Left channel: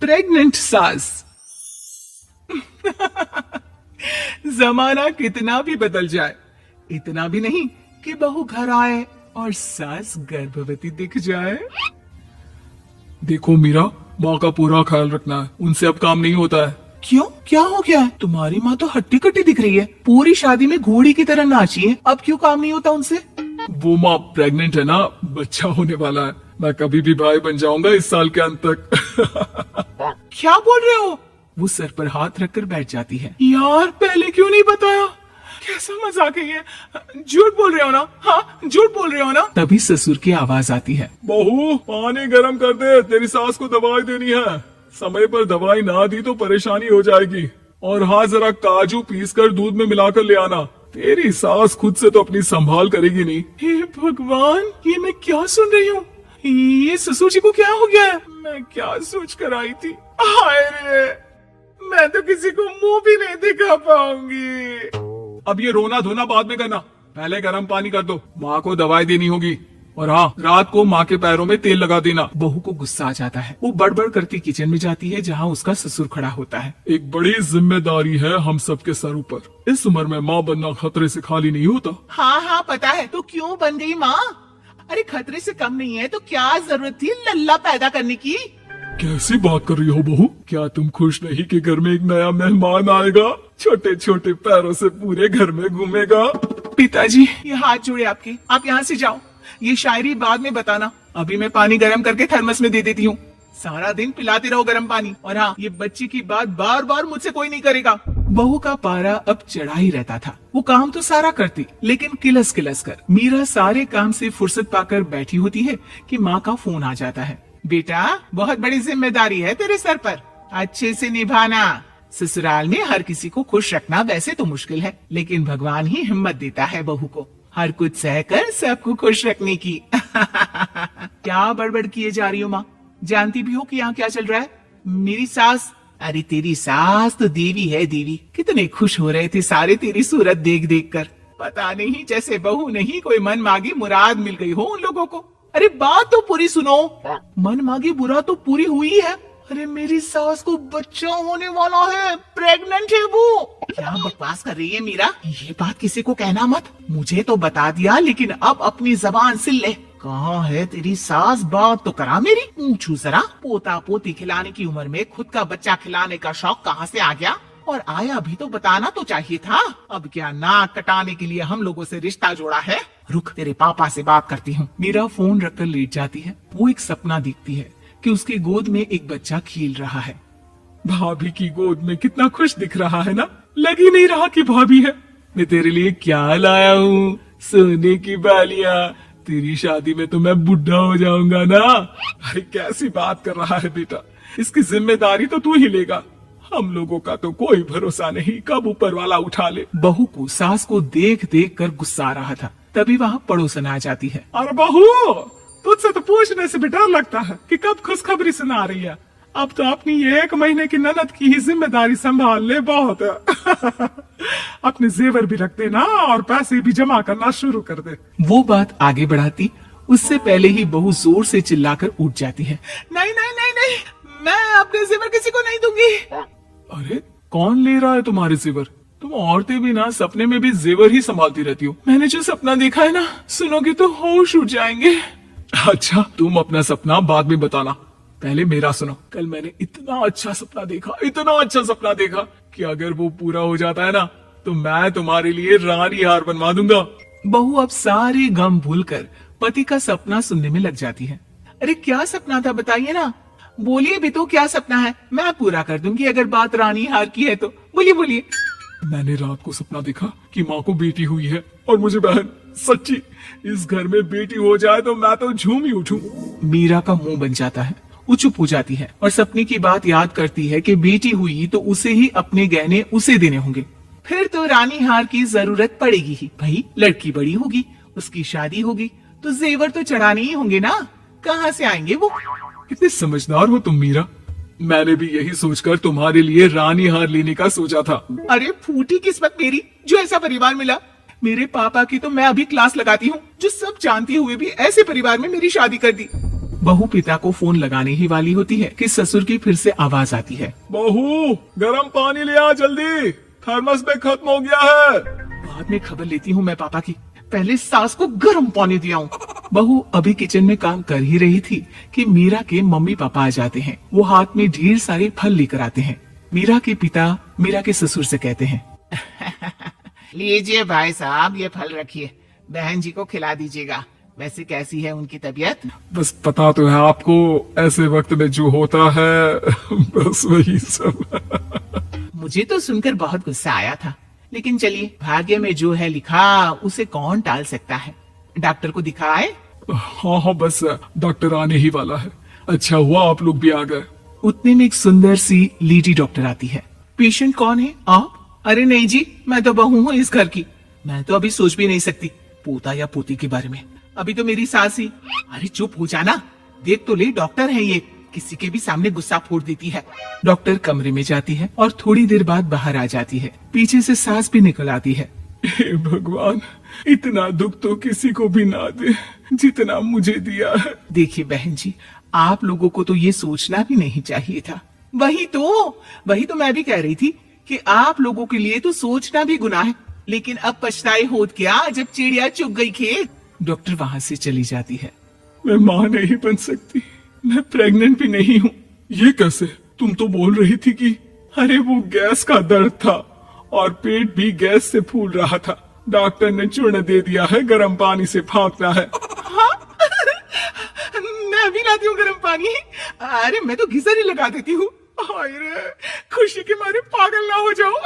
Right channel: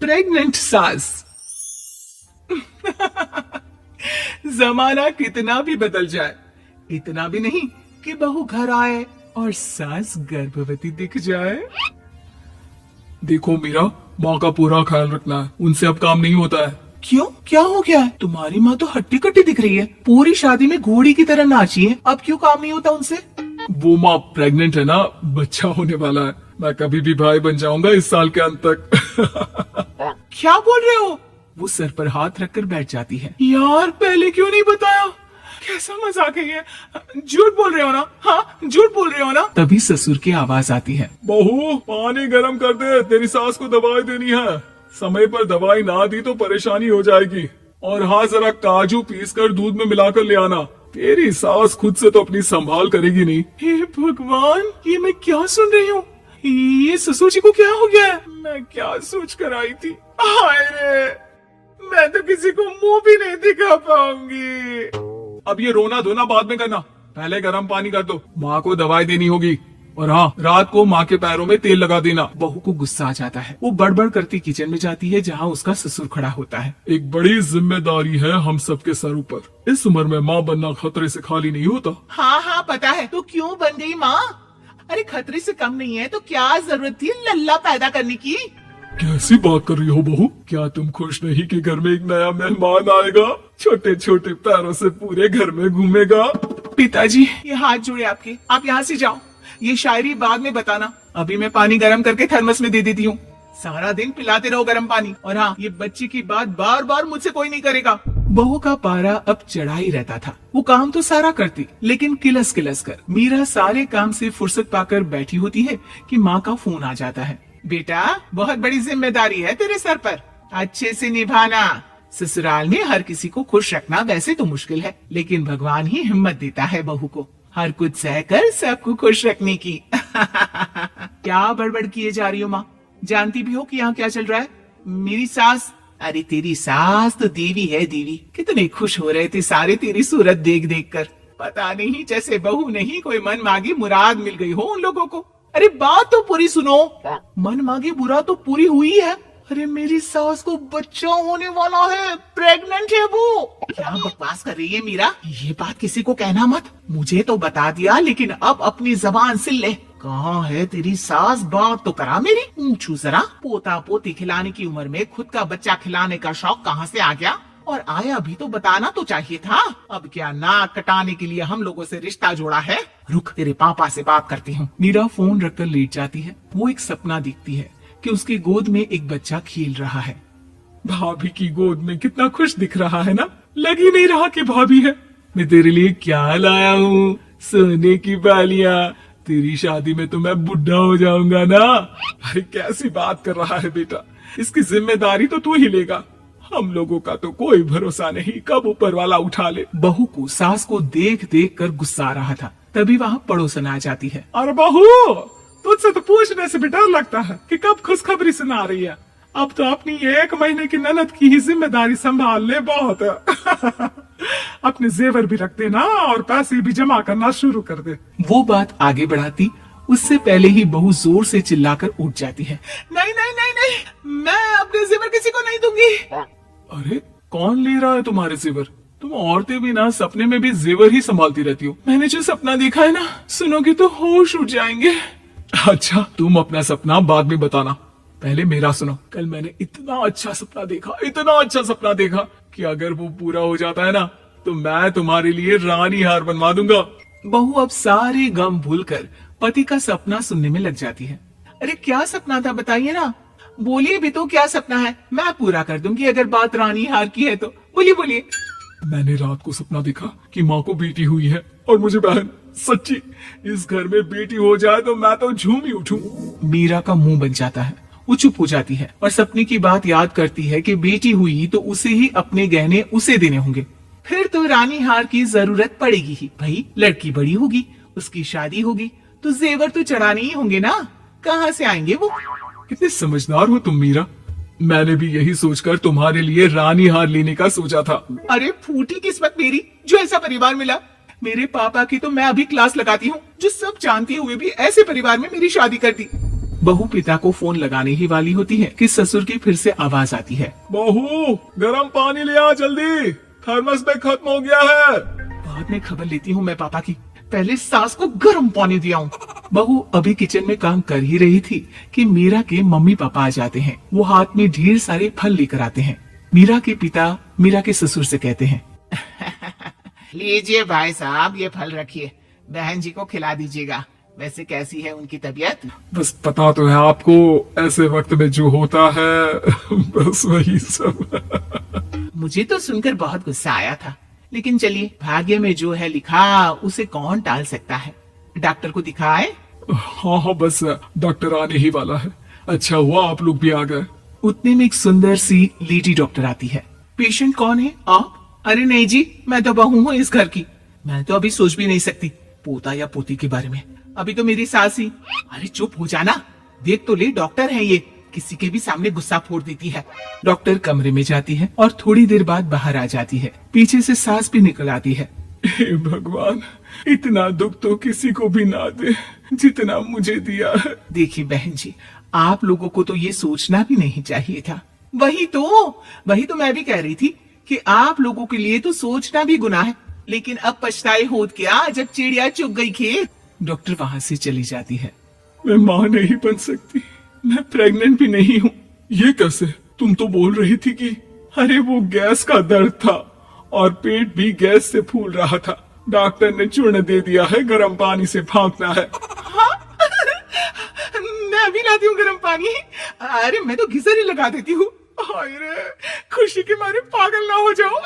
Pregnant सास। जमाना कितना भी बदल जाए, इतना भी नहीं कि बहू घर आए और सास गर्भवती दिख जाए। देखो मीरा, माँ का पूरा ख्याल रखना है, उनसे अब काम नहीं होता है। क्यों, क्या हो गया है? तुम्हारी माँ तो हट्टी कट्टी दिख रही है, पूरी शादी में घोड़ी की तरह नाची है, अब क्यों काम नहीं होता उनसे? वो माँ प्रेग्नेंट है ना, बच्चा होने वाला है। मैं कभी भी भाई बन जाऊंगा इस साल के अंत तक। क्या बोल रहे हो? वो सर पर हाथ रखकर बैठ जाती है। यार पहले क्यों नहीं बताया? कैसा मजाक है ये? झूठ बोल रहे हो ना? हाँ, झूठ बोल रहे हो ना? तभी ससुर की आवाज आती है। बहू, पानी गर्म कर दे, तेरी सास को दवाई देनी है। समय पर दवाई ना दी तो परेशानी हो जाएगी। और हाँ, जरा काजू पीस कर दूध में मिलाकर ले आना। तेरी सास खुद से तो अपनी संभाल करेगी नहीं। हे भगवान, ये मैं क्या सुन रही हूँ? ये ससुर जी को क्या हो गया है? मैं क्या सोच कर आई थी? हाय रे, मैं तो किसी को मुंह भी नहीं दिखा पाऊंगी। अब ये रोना धोना बाद में करना, पहले गर्म पानी कर दो। माँ को दवाई देनी होगी। और हाँ, रात को माँ के पैरों में तेल लगा देना। बहू को गुस्सा आ जाता है, वो बड़बड़ करती किचन में जाती है जहाँ उसका ससुर खड़ा होता है। एक बड़ी जिम्मेदारी है हम सबके सर ऊपर। इस उम्र में माँ बनना खतरे से खाली नहीं होता। हाँ हाँ पता है, तो क्यों बन गई माँ? अरे खतरे से कम नहीं है तो क्या जरूरत थी लल्ला पैदा करने की? कैसी बात कर रही हो बहू? क्या तुम खुश नहीं कि घर में एक नया मेहमान आएगा, छोटे छोटे पैरों से पूरे घर में घूमेगा? पिताजी, ये हाथ जोड़े आपके, आप यहाँ से जाओ। ये शायरी बाद में बताना, अभी मैं पानी गर्म करके थर्मस में दे देती हूँ। सारा दिन पिलाते रहो गर्म पानी। और हाँ, ये बच्ची की बात बार बार मुझसे कोई नहीं करेगा। बहू का पारा अब चढ़ा ही रहता था। वो काम तो सारा करती, लेकिन किलस किलस कर। मीरा सारे काम से फुर्सत पाकर बैठी होती है कि माँ का फोन आ जाता है। बेटा, बहुत बड़ी जिम्मेदारी है तेरे सर पर, अच्छे से निभाना। ससुराल में हर किसी को खुश रखना वैसे तो मुश्किल है, लेकिन भगवान ही हिम्मत देता है बहू को हर कुछ सहकर सबको खुश रखने की। क्या बड़बड़ किए जा रही हो माँ? जानती भी हो कि यहाँ क्या चल रहा है? मेरी सास, अरे तेरी सास तो देवी है देवी। कितने खुश हो रहे थे सारे तेरी सूरत देख देख कर। पता नहीं जैसे बहू नहीं कोई मन मांगे मुराद मिल गई हो उन लोगों को। अरे बात तो पूरी सुनो। मन मांगे बुरा तो पूरी हुई है। अरे मेरी सास को बच्चा होने वाला है, प्रेग्नेंट है वो। क्या बकवास कर रही है मीरा? ये बात किसी को कहना मत। मुझे तो बता दिया, लेकिन अब अपनी जबान से ले। कहाँ है तेरी सास? बात तो करा मेरी। पूछू जरा, पोता पोती खिलाने की उम्र में खुद का बच्चा खिलाने का शौक कहाँ से आ गया? और आया भी तो बताना तो चाहिए था। अब क्या नाक कटाने के लिए हम लोगों से रिश्ता जोड़ा है? रुक, तेरे पापा से बात करती हूँ। मीरा फोन रखकर लेट जाती है। वो एक सपना देखती है कि उसकी गोद में एक बच्चा खेल रहा है। भाभी की गोद में कितना खुश दिख रहा है ना, लग ही नहीं रहा कि भाभी है। मैं तेरे लिए क्या लाया हूँ, सोने की बालियां। तेरी शादी में तो मैं बुढ़ा हो जाऊंगा ना। अरे कैसी बात कर रहा है बेटा, इसकी जिम्मेदारी तो तू ही लेगा। हम लोगों का तो कोई भरोसा नहीं, कब ऊपर वाला उठा ले। बहू को सास को देख देख कर गुस्सा आ रहा था। तभी वहाँ पड़ोसन आ जाती है। अरे बहू, तुझसे तो पूछने से भी डर लगता है कि कब खुशखबरी सुना रही है। अब तो अपनी 1 महीने की ननद की ही जिम्मेदारी संभाल ले, बहुत है। अपने जेवर भी रख देना और पैसे भी जमा करना शुरू कर दे। वो बात आगे बढ़ाती उससे पहले ही बहू जोर से चिल्लाकर उठ जाती है। नहीं नहीं नहीं नहीं, मैं अपने जेवर किसी को नहीं दूंगी। अरे कौन ले रहा है तुम्हारे जेवर? तुम औरतें भी ना सपने में भी जेवर ही संभालती रहती हो। मैंने जो सपना देखा है ना, सुनोगे तो होश उड़ जाएंगे। अच्छा, तुम अपना सपना बाद में बताना, पहले मेरा सुनो। कल मैंने इतना अच्छा सपना देखा, इतना अच्छा सपना देखा कि अगर वो पूरा हो जाता है ना तो मैं तुम्हारे लिए रानी हार बनवा दूंगा। बहू अब सारे गम भूलकर पति का सपना सुनने में लग जाती है। अरे क्या सपना था बताइए ना, बोलिए भी तो, क्या सपना है? मैं पूरा कर दूंगी अगर बात रानी हार की है तो। बोलिए बोलिए। मैंने रात को सपना देखा कि माँ को बेटी हुई है और मुझे बहन। सच्ची, इस घर में बेटी हो जाए तो मैं तो झूम ही उठूं। मीरा का मुंह बन जाता है, वो चुप हो जाती है और सपने की बात याद करती है कि बेटी हुई तो उसे ही अपने गहने उसे देने होंगे। फिर तो रानी हार की जरूरत पड़ेगी ही। भाई लड़की बड़ी होगी, उसकी शादी होगी तो जेवर तो चढ़ाने ही होंगे ना, कहाँ से आएंगे वो? कितने समझदार हो तुम मीरा। मैंने भी यही सोचकर तुम्हारे लिए रानी हार लेने का सोचा था। अरे फूटी किस्मत मेरी जो ऐसा परिवार मिला। मेरे पापा की तो मैं अभी क्लास लगाती हूँ, जो सब जानते हुए भी ऐसे परिवार में मेरी शादी कर दी। बहू पिता को फोन लगाने ही वाली होती है कि ससुर की फिर से आवाज आती है। बहू, गरम पानी ले आ जल्दी, थर्मस में खत्म हो गया है। बाद में खबर लेती हूँ मैं पापा की, पहले सास को गर्म पानी दिया हूँ। बहू अभी किचन में काम कर ही रही थी कि मीरा के मम्मी पापा आ जाते हैं। वो हाथ में ढेर सारे फल लेकर आते हैं। मीरा के पिता मीरा के ससुर से कहते हैं, लीजिए भाई साहब, ये फल रखिए, बहन जी को खिला दीजिएगा। वैसे कैसी है उनकी तबीयत? बस पता तो है आपको, ऐसे वक्त में जो होता है बस वही सब। मुझे तो सुनकर बहुत गुस्सा आया था, लेकिन चलिए, भाग्य में जो है लिखा उसे कौन टाल सकता है। डॉक्टर को दिखाए? हाँ हाँ, बस डॉक्टर आने ही वाला है। अच्छा हुआ आप लोग भी आ गए। उतने में एक सुंदर सी लेडी डॉक्टर आती है। पेशेंट कौन है आप? अरे नहीं जी, मैं तो बहू हूँ इस घर की। मैं तो अभी सोच भी नहीं सकती पोता या पोती के बारे में। अभी तो मेरी सास ही। अरे चुप हो जाना, देख तो ले, डॉक्टर है ये, किसी के भी सामने गुस्सा फोड़ देती है। डॉक्टर कमरे में जाती है और थोड़ी देर बाद बाहर आ जाती है। पीछे से सास भी निकल आती है। हे भगवान, इतना दुख तो किसी को भी ना दे जितना मुझे दिया है। देखिए बहन जी, आप लोगों को तो ये सोचना भी नहीं चाहिए था। वही तो मैं भी कह रही थी कि आप लोगों के लिए तो सोचना भी गुनाह है, लेकिन अब पछताए होत क्या जब चिड़िया चुग गई खेत। डॉक्टर वहाँ से चली जाती है। मैं माँ नहीं बन सकती, मैं प्रेग्नेंट भी नहीं हूँ। ये कैसे? तुम तो बोल रही थी कि अरे वो गैस का दर्द था और पेट भी गैस से फूल रहा था। डॉक्टर ने चूर्ण दे दिया है, गर्म पानी से भागना है। हाँ? मैं भी लाती हूँ गर्म पानी। अरे मैं तो घिसर ही लगा देती हूँ। हाय रे, खुशी के मारे पागल ना हो जाओ।